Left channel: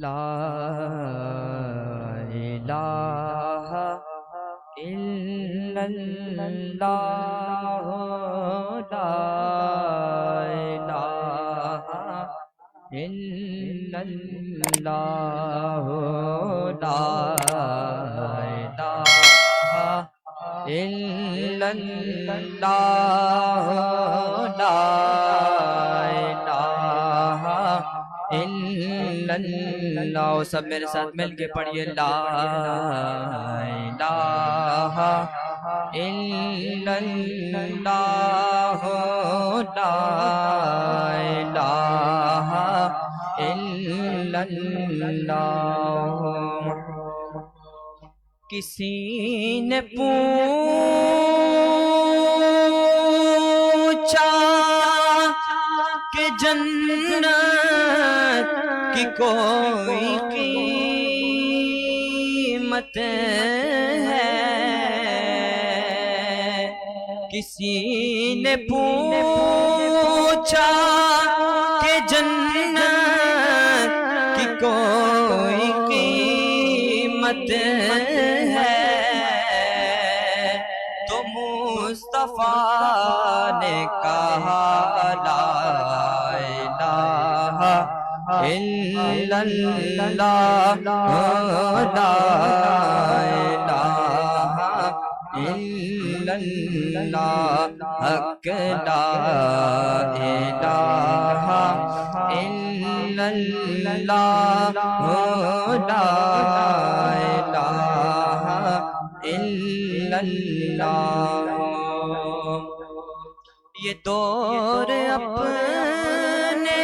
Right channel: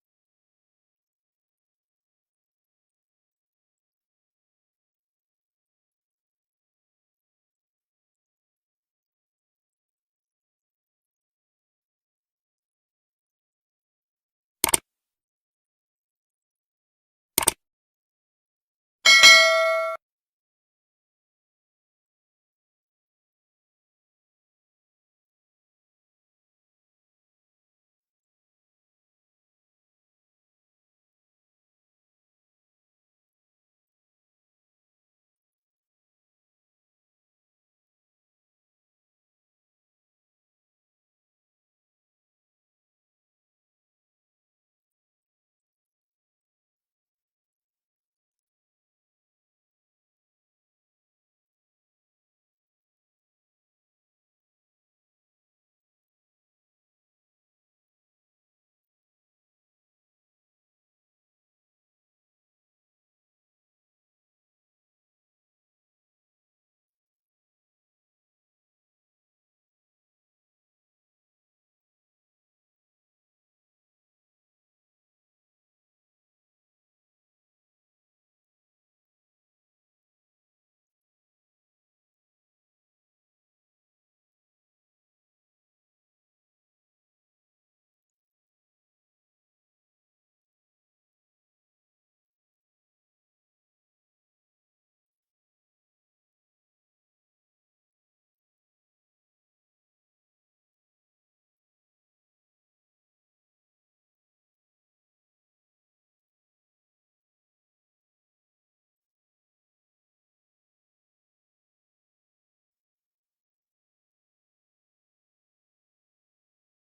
لا الہ الا اللہ لا الہ الا اللہ لا الہ الا اللہ لا الہ الا اللہ سب میرے ساتھ مل کے پڑھیے لا الہ الا اللہ لا الہ الا اللہ کسی نے پوچھا کہ جنت کی کوئی قیمت ہے کسی نے پوچھا کہ جنت کی کوئی قیمت ہے تو مصطفیٰ نے کہا لا الہ الا اللہ لا الہ الا اللہ حق لا الہ الا اللہ لا الہ الا اللہ یہ دور اپنے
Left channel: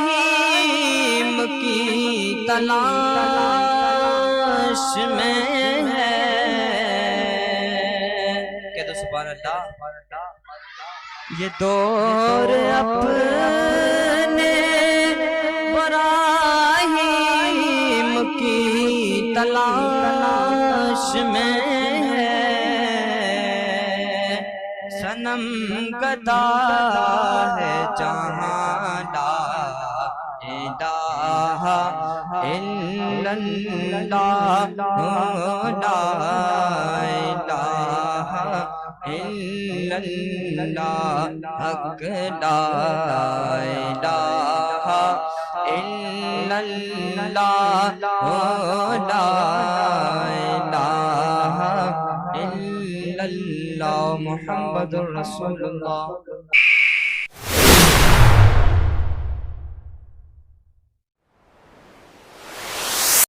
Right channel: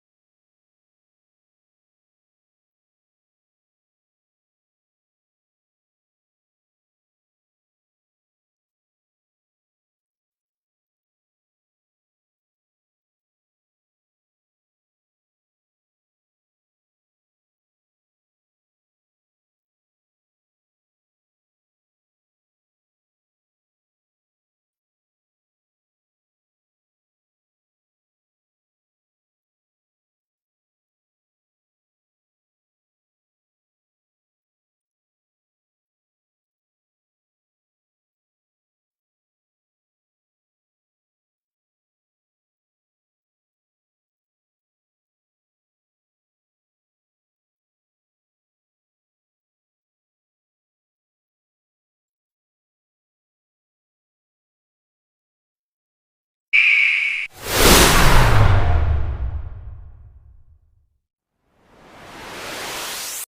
براہیم کی تلاش میں ہے کہہ دو سبحان اللہ یہ دور اپنے براہیم کی تلاش میں ہے صنم گدا ہے جہاں لا الہ الا اللہ لا الہ الا اللہ حق لا الہ الا اللہ لا الہ الا اللہ محمد رسول اللہ